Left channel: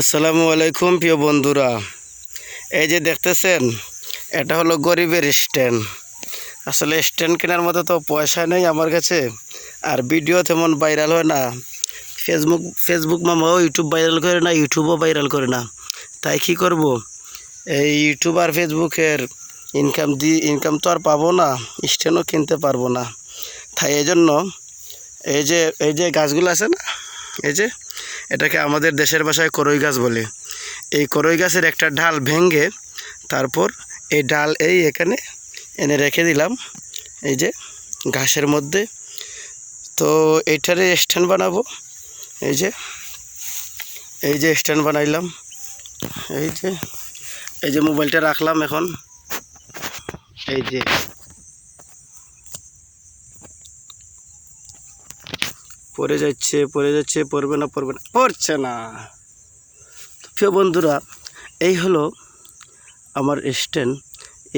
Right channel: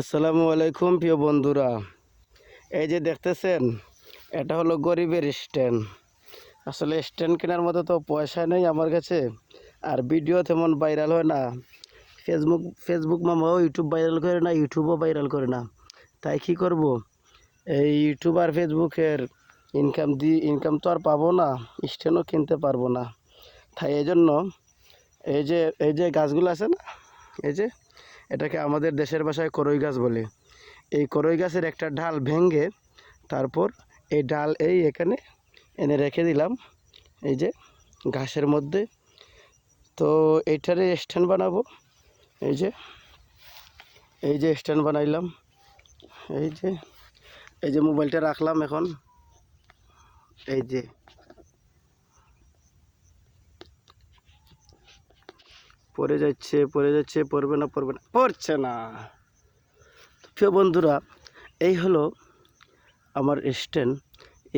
আসসালামু আলাইকুম, প্রিয় বন্ধুরা। এই যে দেখতেছেন, এটা হলো গরিবের স্ট্যান্ড। আসলে স্ট্যান্ড কেনার মতো তো পয়সা নেই আমার কাছে, আর ভিডিও তেমন ভাইরাল হয় না। ফেসবুক ফেসবুক মামাও ইউটিউব ভাইরাল করে না ইউটিউবও ভাইরাল করে না। তাই কি করব? এই ইউটিউব আর ফেসবুকের ইনকাম দি ইনকাম তো আর পাবো না, স্ট্যান্ডও কিনতে পারব না। তাই এই জন্য এই যে এই যে গাছগুলো আছে না, এই যে এটাকে আমাদের দেশের ভাষায় করই গাছ বলে। এই করই গাছের একটা ডাল ভেঙে তারপর এই ডাল এই এখানে এনে রেখে দিলাম, এই যে ঘাসের মধ্যে। তো এইটারে স্ট্যান্ড বানাবো, এই যে এই যে স্ট্যান্ড বানাইলাম, এই যে এই যে মোবাইলটা রাখলাম এখন। এই যে পড়ে যাচ্ছে পড়ে যাচ্ছে, পড়বে না পড়বে না, পড়ছে না। প্রিয় বন্ধুরা, এই হলো আমার স্ট্যান্ড।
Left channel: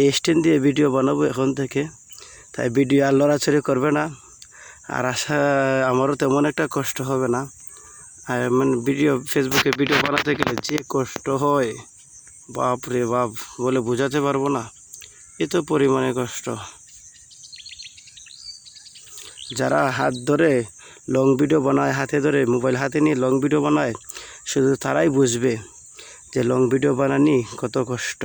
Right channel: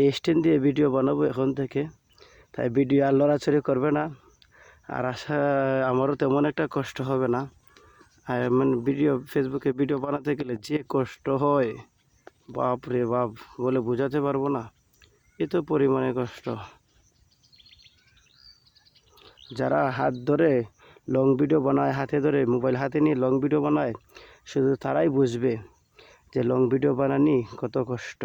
এই স্ট্যান্ড দিয়ে ভিডিও বানাবো এখন থেকে। তাই ভিডিও আর লড়াচড়ি করবে না। আর আশা, আমারও তেমন একটা কষ্ট হবে না। আর মানে ভিডিও ফেসবুকে ভিডিও বানাতে গেলে যে কষ্ট হয়, বাপ রে বাপ, বলে বোঝাতে পারব না। এত পরিমাণে কষ্ট। যারা হাত ধরে লং ভিডিও বানায়, হাতে ধরে মোবাইল হাতে নিয়ে লং ভিডিও বানায়, শুধু তারাই বুঝবে যে লং ভিডিও বানানি কত কষ্ট।